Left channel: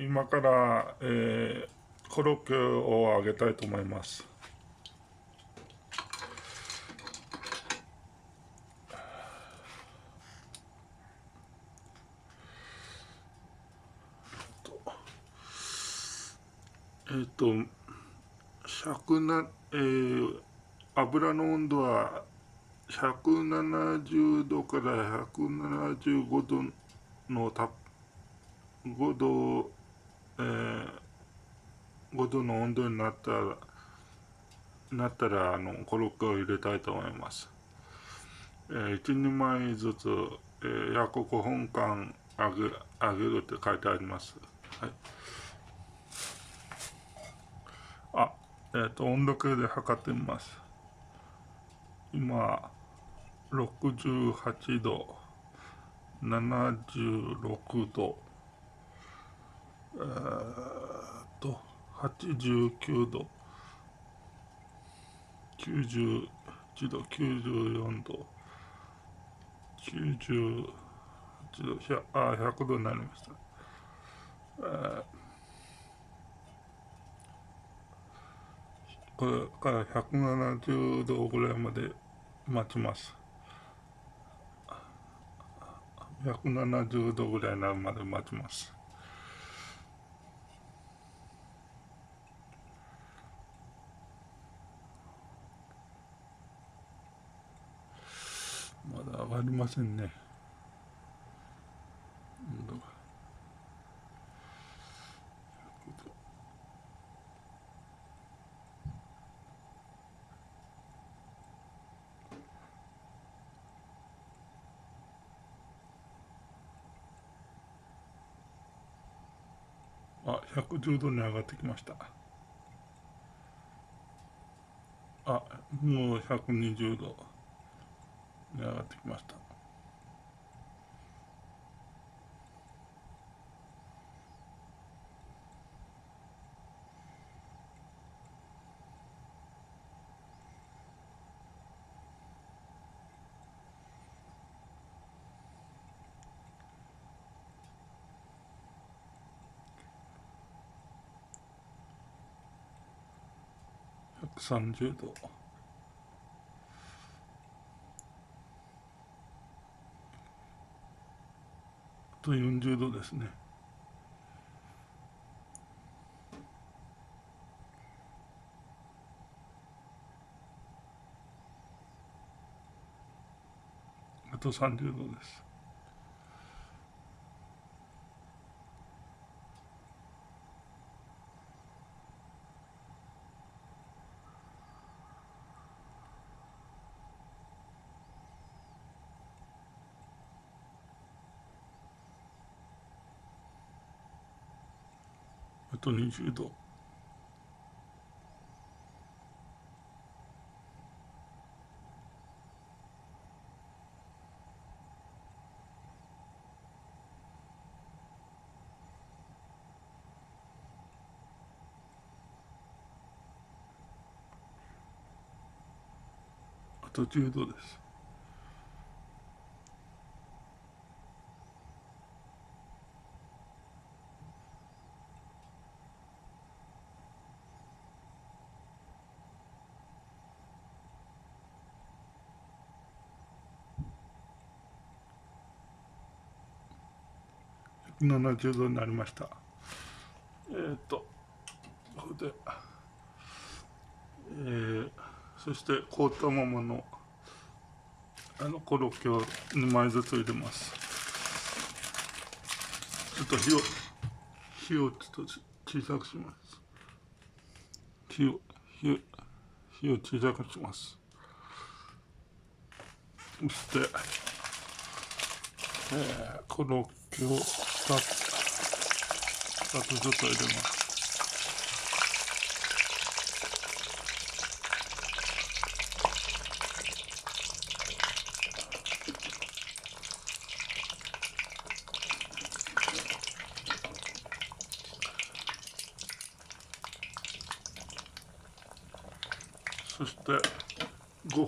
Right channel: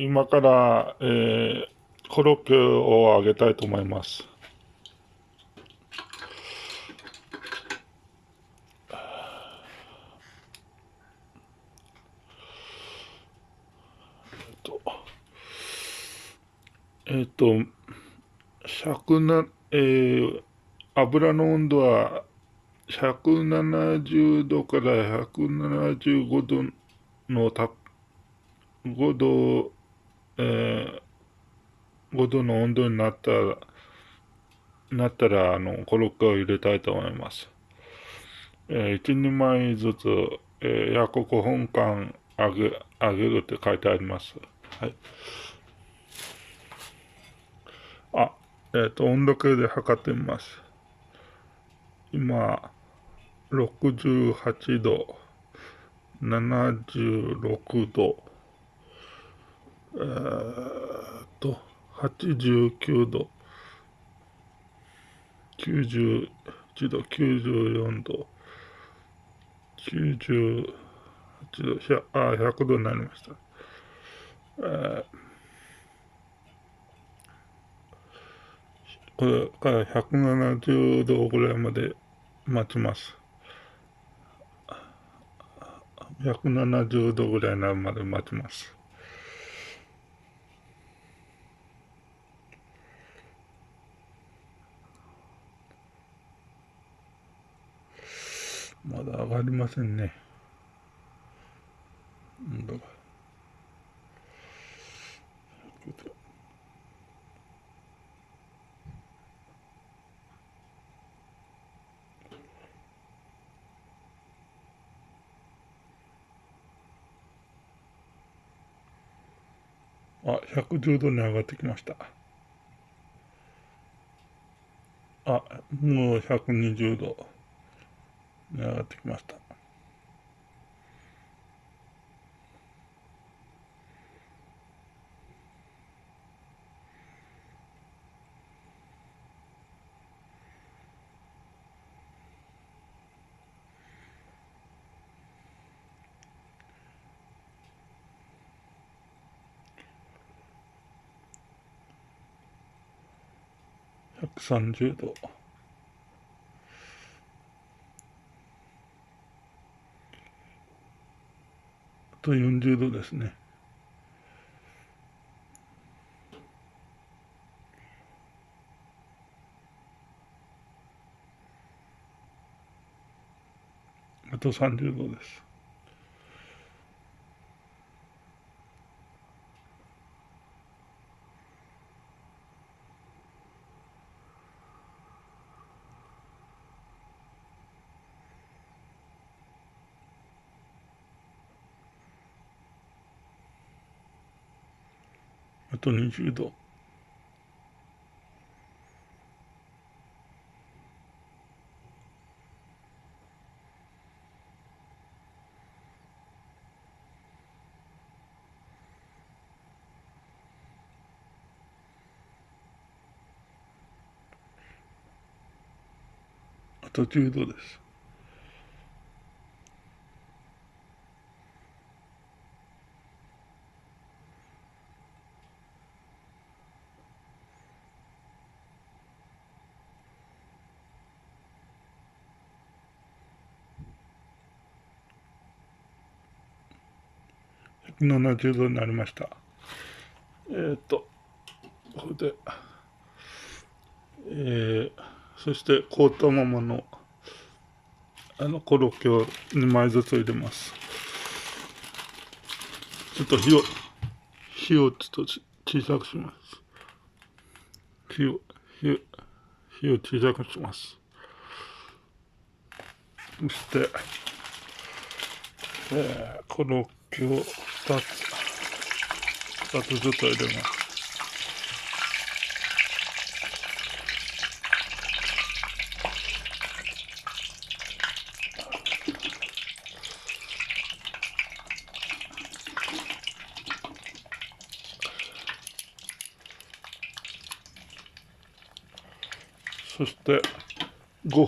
今から、コロッケを揚げたいと思います。とえっと、100な、油の温度は170度から175度の5度、えー5度の温度になったらコロッケを入れたいと思います。1人前ずつ、約5分間揚げるって書いてあります。はい。あ、温度計で測ってみます。今、68度、76度、89度、91度、94度、98度、100度になりました。これから170度ぐらいまで待ちます。170度ぐらいになるまで待ちます。まだ上がりませんね。温度が。110度に上がってきました。もう120度に上がってきました。130度。あと40度ですね。あと30度です。あと20度。あと10度です。170度になりました。これで、そして凍ったままのコロッケを2枚ずつ入れます。ちょっと火をちょっと小さくします。火を小さくします。そして、コロッケを2つずつ入れます。そして5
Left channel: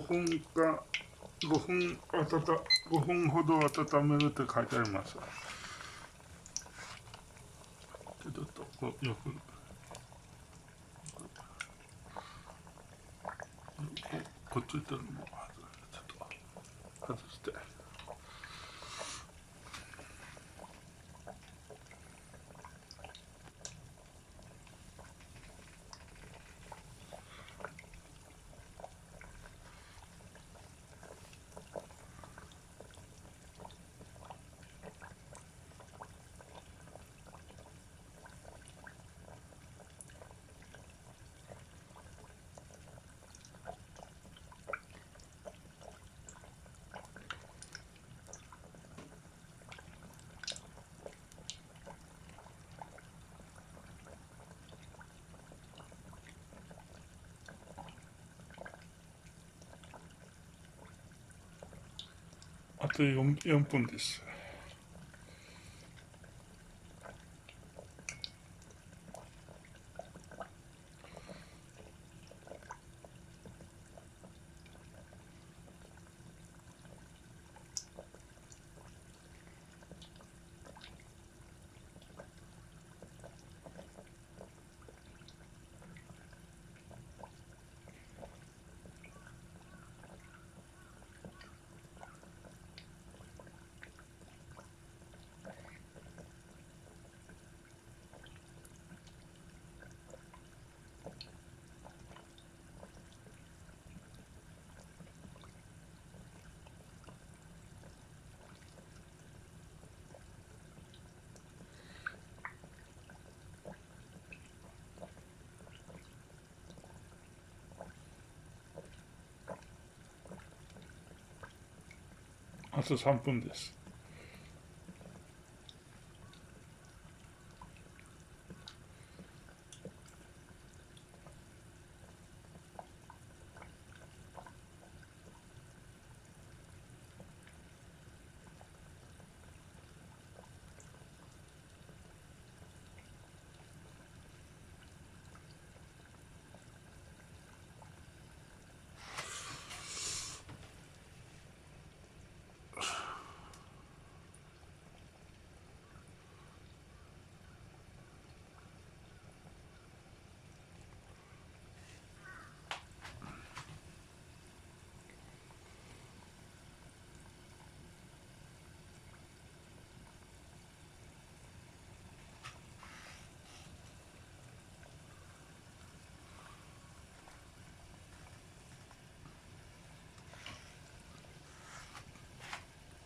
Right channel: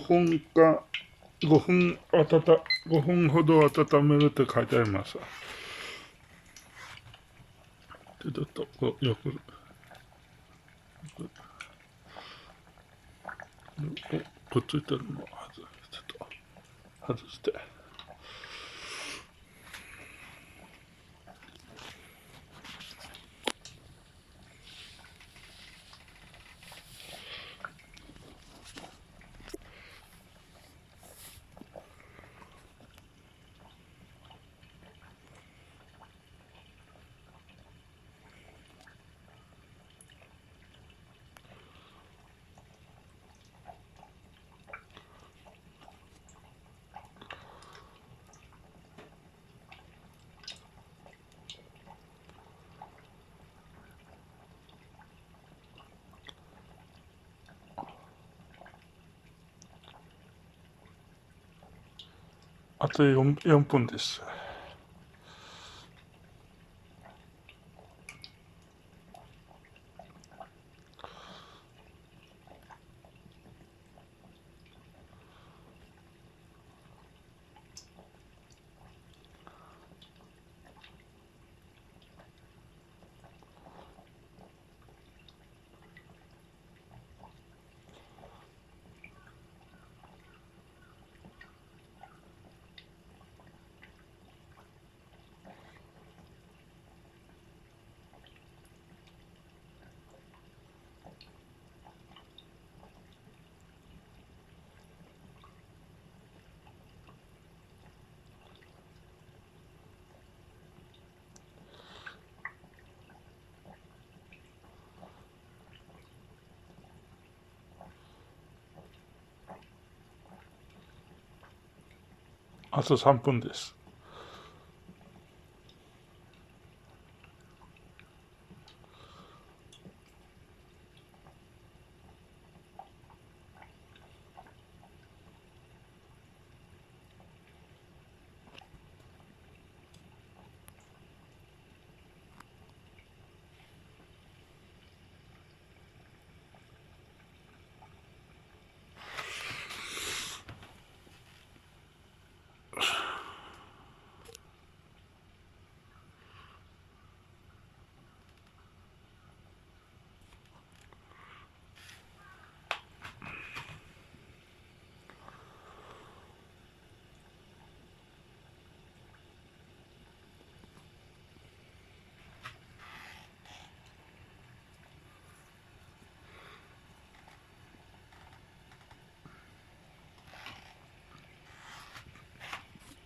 分ほど温めるって書いてあります。ちょっとこうよくこっちいったのもちょっと外して。あと4分です。あと3分です。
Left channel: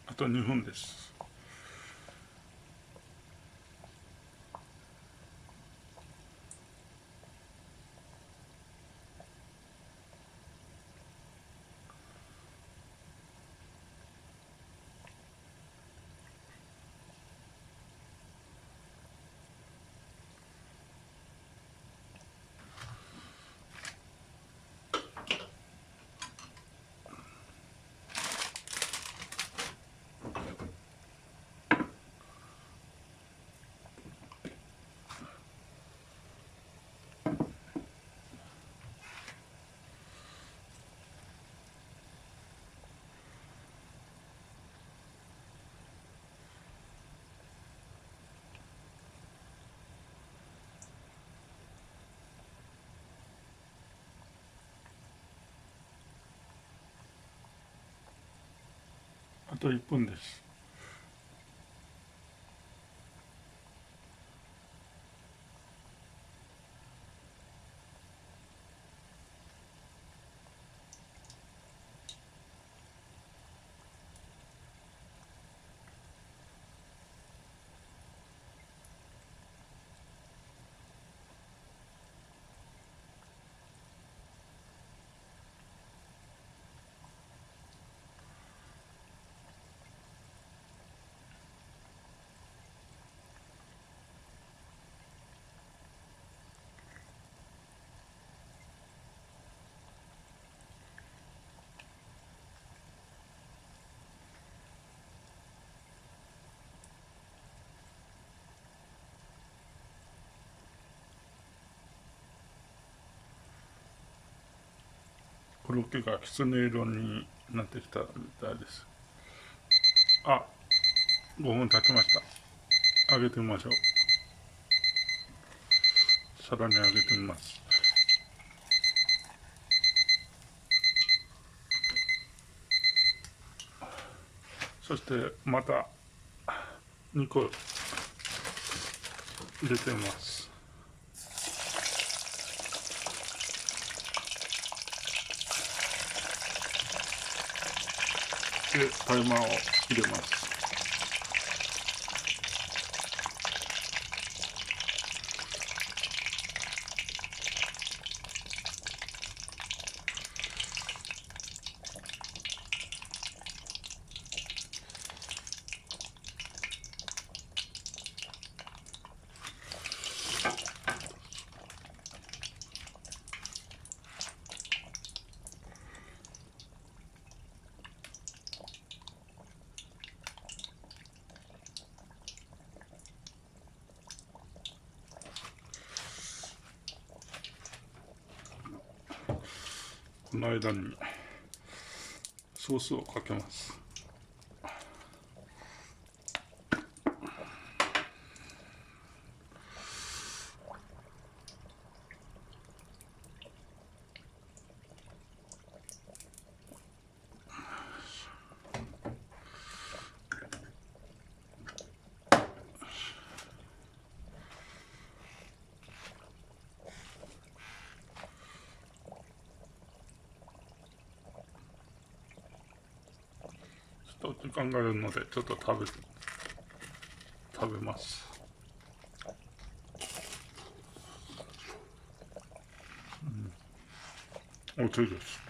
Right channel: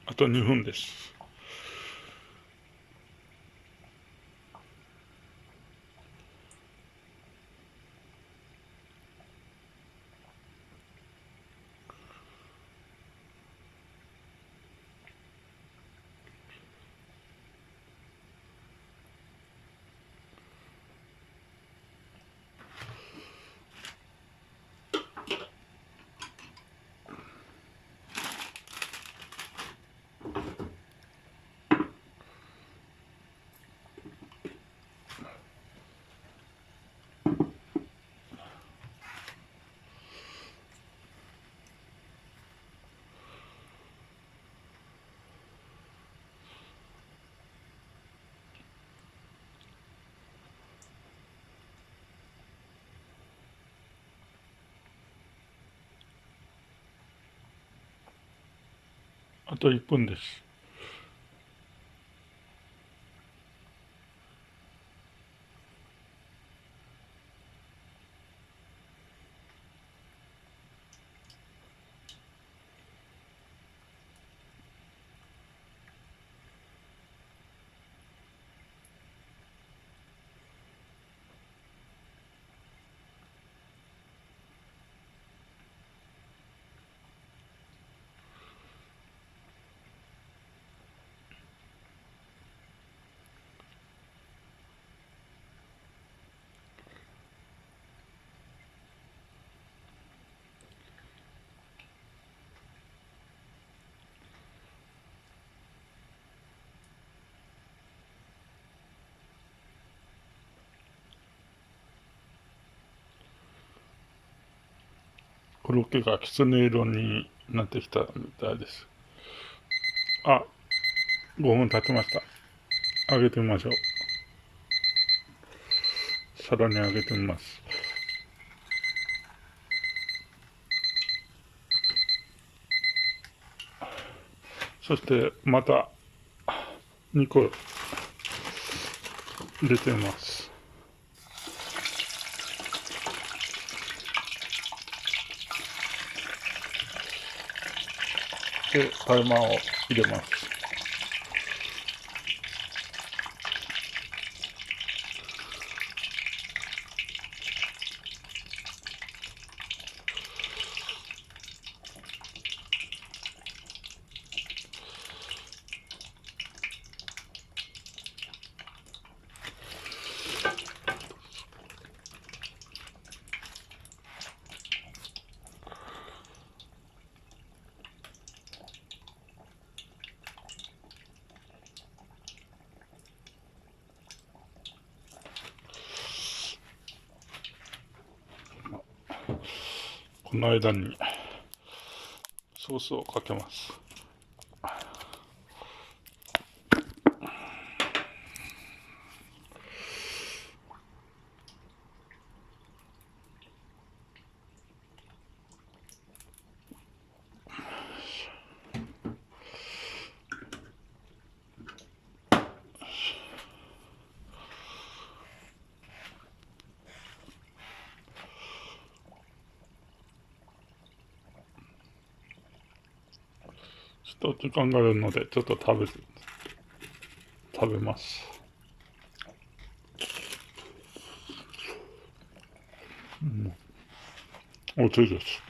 あと2分です。あと1分です。コロッケがきつね色になってきたみたいです。あ、5分経ちました。上げてみましょう。さらに揚げてみます。そしてまた2個入れてみます。でタイマーを入れます。この間にソースをかけます。ちょっと時間があるのでちょっと食べます。美味しいです。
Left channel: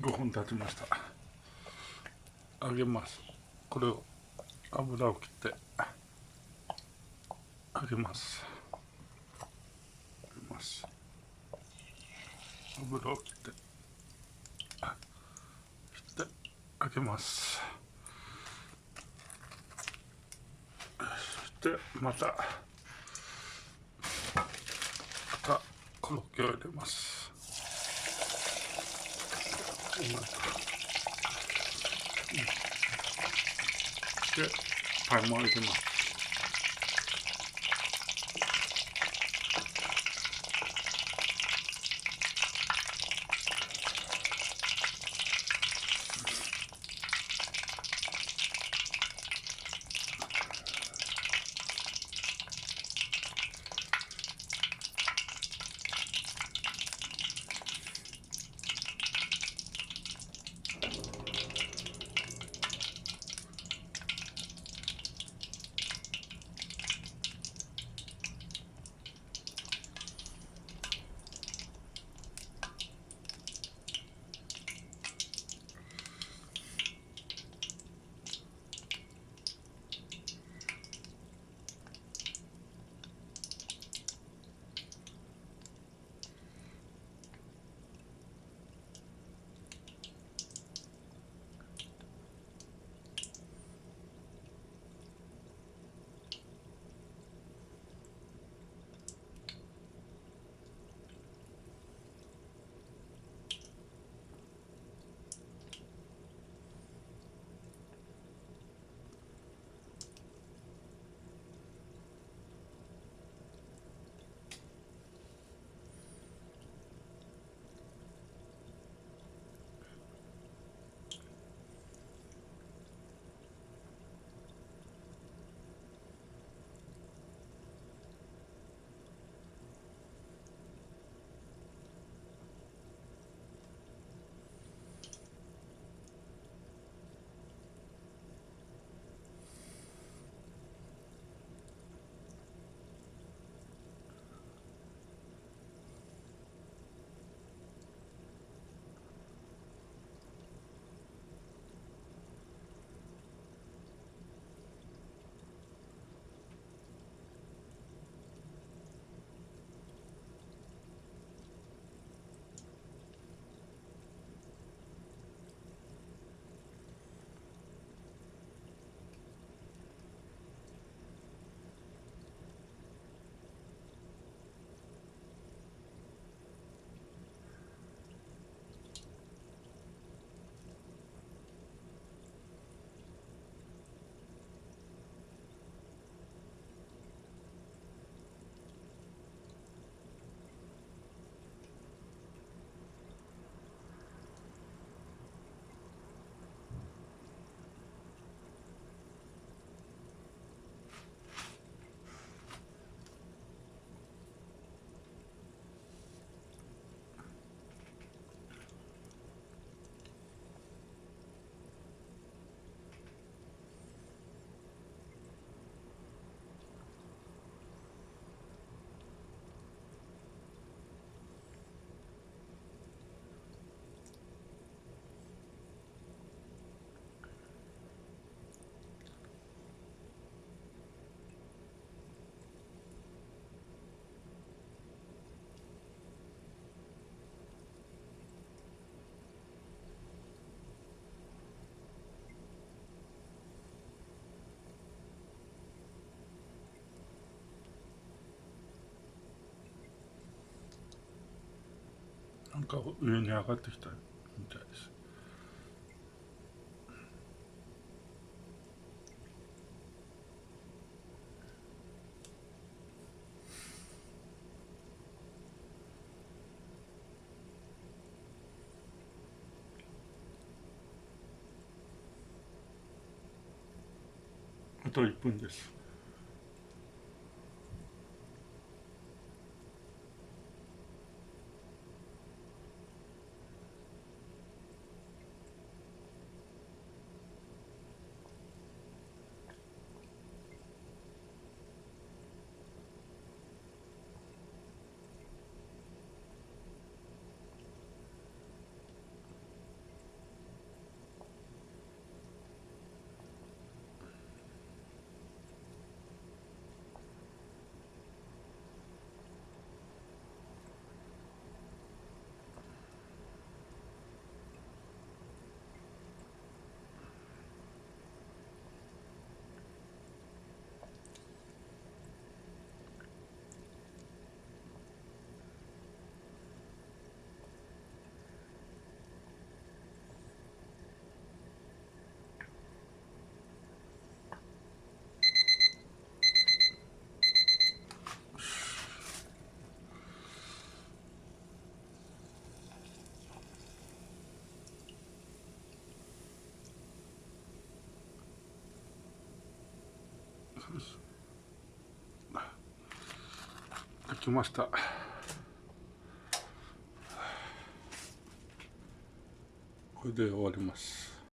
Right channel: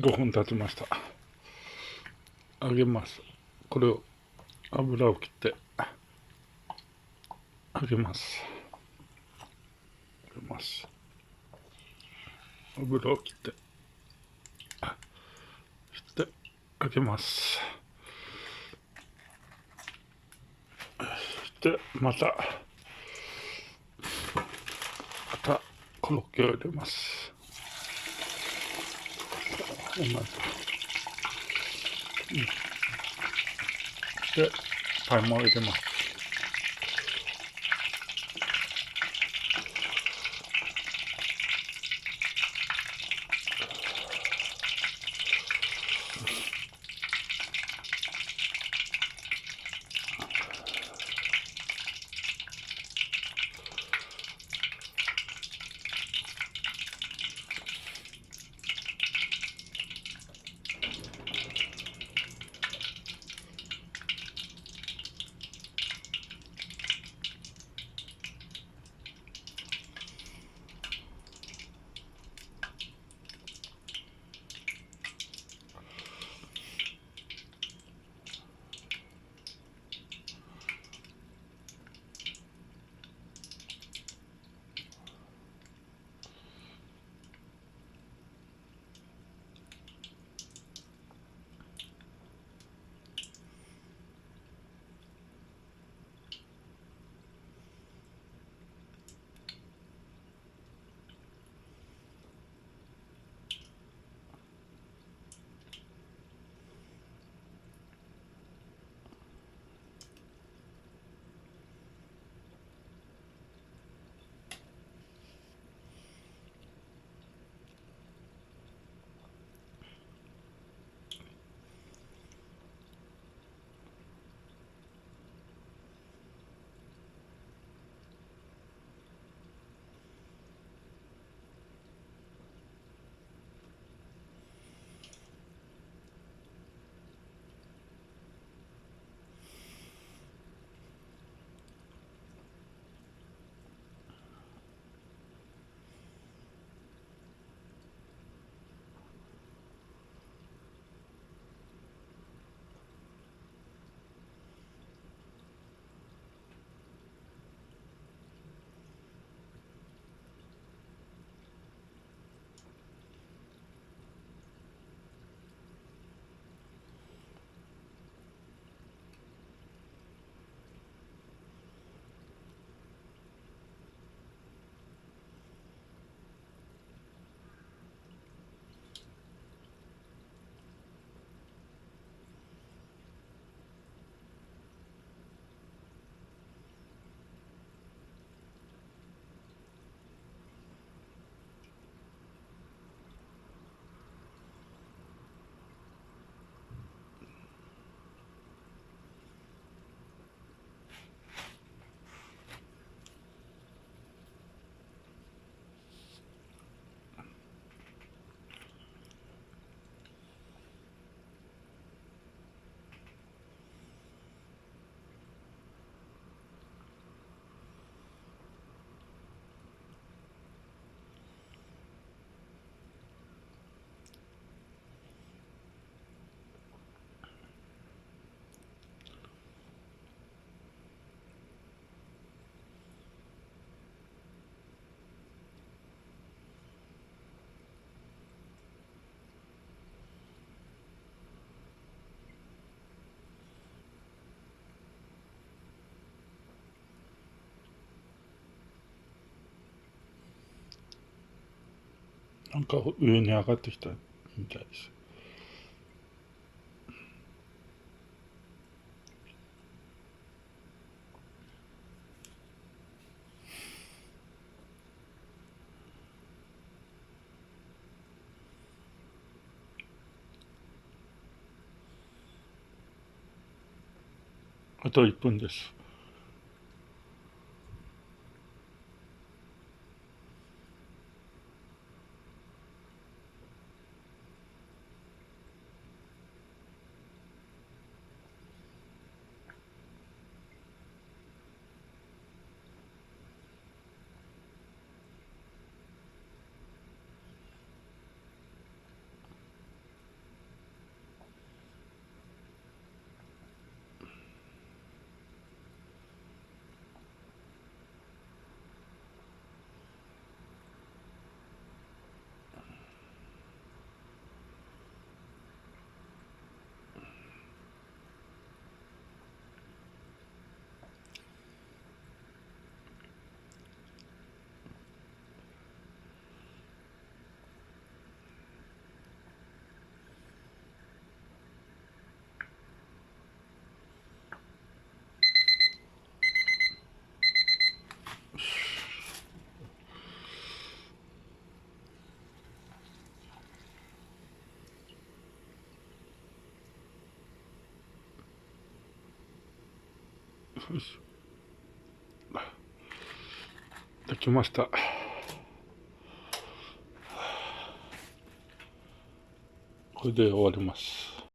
5分経ちました。揚げます。これを油を切って揚げます。揚げます。油を切って揚げます。でまたコロッケを入れます。同じく、でパイも入れます。なんか上に上がってきたみたいです。あと1分です。よし。できました。これで終わります。